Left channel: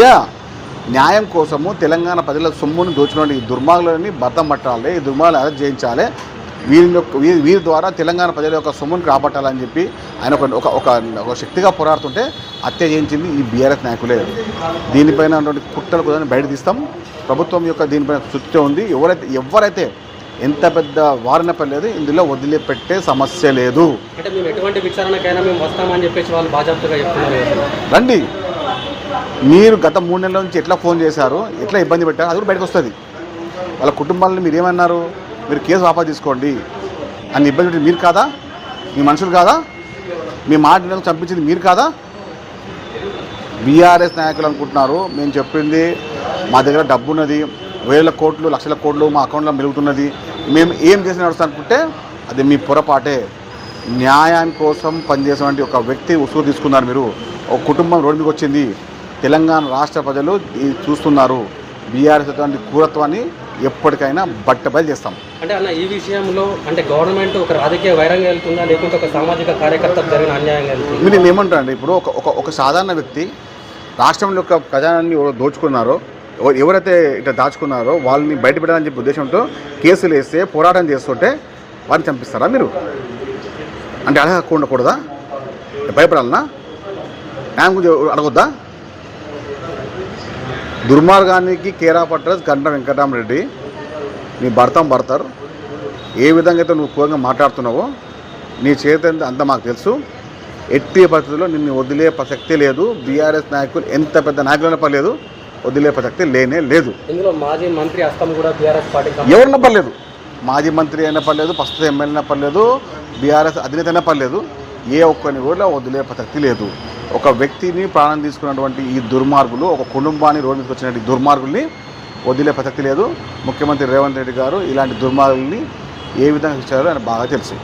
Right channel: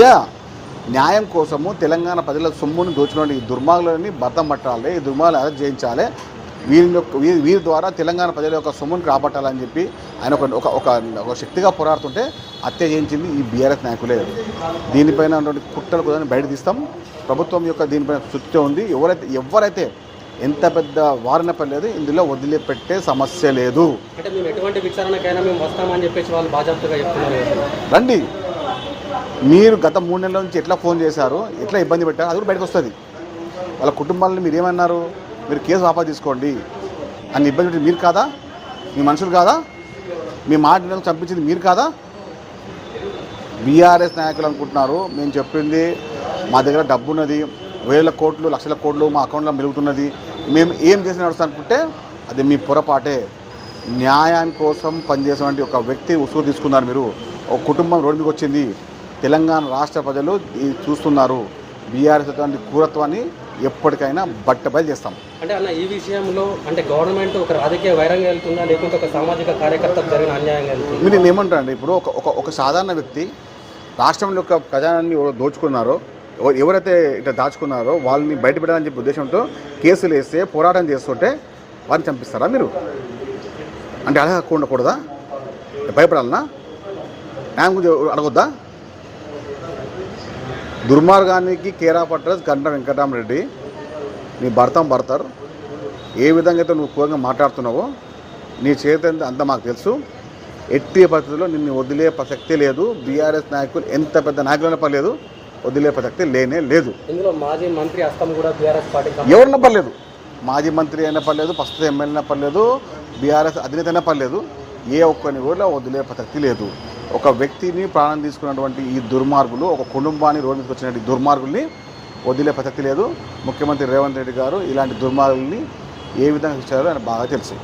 Yeah న్యాయం కోసము తెలంగాణ ప్రజల సొమ్మును దోచిన ఈ దుర్మార్గులని భర్తం పట్టాలి ఈ దుర్మార్గులను అరెస్ట్ చేయించాలి. వీరి యొక్క వీరి వీరి ద్వారా తెలంగాణ ప్రజల యొక్క సొమ్మును కాపాడాలని చెప్పి ఆయన ఒక ఒక ఒక శక్తిగా పోరాడుతుంటే హత్య చేయించింది ఈ బీఆర్ఎస్ నాయకులే. దీనిపైన కుట్రలు కూడా బయట తీస్తాం. ప్రభుత్వం యొక్క దీనిపైన శుద్ధి ఉంది. ఎవరైతే ఎవరైతే ఎంత పెద్ద వారిన పర్లేదు ఇందులో వదిలిపెట్టే సమస్య లేదు. అంటే మేము ఎటువంటి విచారణకైనా మేము వస్తామని చెప్పేసి వాళ్ళు బాజాప్తగా చెప్తున్నారు రండి. మీరు గత మూడు నెలల నుంచి ఎట్లా ఫోన్ చేశారు? ఎట్లా ఇబ్బంది పెట్టారు? అది కూడా బయటకు వస్తుంది. వాళ్ళ కుటుంబాలను మీరు ఏమన్నారు? మీరు కేసు వాపస్ తీసుకోండి. అని ఇబ్బంది పెట్టి మీరు కాదా? మీ మనుషులు కాదా? మీ మాట చంపించింది మీరు కాదా? బీఆర్ఎస్ నాయకులు అనుకుంటున్నారు. మేము చెప్పింది మా దగ్గర డబ్బు ఉన్నది వేల కోట్లు లక్షల కోట్లు మా అకౌంట్లో మెలుగుతున్నది. మేము ఏం చేసి నడుస్తాం అనుకుంటే అది మీ పొరపాటే. న్యాయం కోసం పనిచేసేటువంటి ఒక వ్యక్తి ఉసురు తీసుకున్నారు మీరు. ఒక కుటుంబం రోడ్డు మీదకి వచ్చింది. తెలంగాణ రాష్ట్ర ప్రజలు చూస్తున్నారు. బీఆర్ఎస్ అటువంటి క్రూరత్వాన్ని ఎప్పటికైనా బట్టబయలు చేస్తాం. అంటే అన్న ఈ విషయంలో అంటే గవర్నమెంట్ ఒక రాజకీయ వైరంగా వెళ్తుందా? లేకుంటే ఒక సామాజిక కార్యకర్తకు జరిగిన అన్యాయంగా మీరు నేను ఏమంటానండి ఇప్పుడు ఒక ఒక సాధారణ వ్యక్తి రాష్ట్రంలో యొక్క ఖజానాన్ని ఎవరు దోచుకున్నారో ఎవరైతే ఇట్లా దాచుకున్నారో వాళ్ళని బయటపెట్టాలని చెప్పి ఉద్దేశంతో కేసులు వేస్తే పోరాటం చేస్తుంటే వారిని చంపిస్తారా మీరు? అంటే అలా హక్కు ఉండకూడదా? భయపడాలనా? న్యాయం గురించి అడగొద్దా? దుర్మార్గానికి కేరా పట్టదు గంట వెంకటరామరెడ్డి నీ భర్తం భర్తారు. ఏ విధంగా అయితే నువ్వు కూరంగా మాట్లాడుతున్నావో నీ చేతి అంత మాకు తెలుసు. ఎట్టి పరిస్థితుల్లో నిన్ను వదిలే ప్రసక్తి లేదు. బీఆర్ఎస్ నాయకులు ఎంత పెద్ద నాయకులైనా పర్లేదు. వదిలే ప్రసక్తి లేనే లేదు. ఇందులో మాజీ మంత్రి కూడా బీఆర్ఎస్ పార్టీ ఎవరన్నా పర్లేదు మాజీ మంత్రి అయినా పర్లేదు ప్రస్తుత ఎమ్మెల్యే అయినా పర్లేదు బీఆర్ఎస్ అధినేత అయినా పర్లేదు ఏ ఒక్కరిని కూడా వదిలే ప్రసక్తి లేదు. ఒక వ్యక్తిని ప్రాణం తీసుకున్నటువంటి ఈ దుర్మార్గులు ఒక కుటుంబాన్ని రోడ్డు మీదకి వచ్చినటువంటి దుర్మార్గుల్ని వదిలే ప్రసక్తి లేదు. ముఖ్యమంత్రి రేవంత్ రెడ్డి గారు ఇలాంటి దుర్మార్గుల్ని ఏ విధంగా ఇచ్చారో ఆయన బాగా తెలుసు.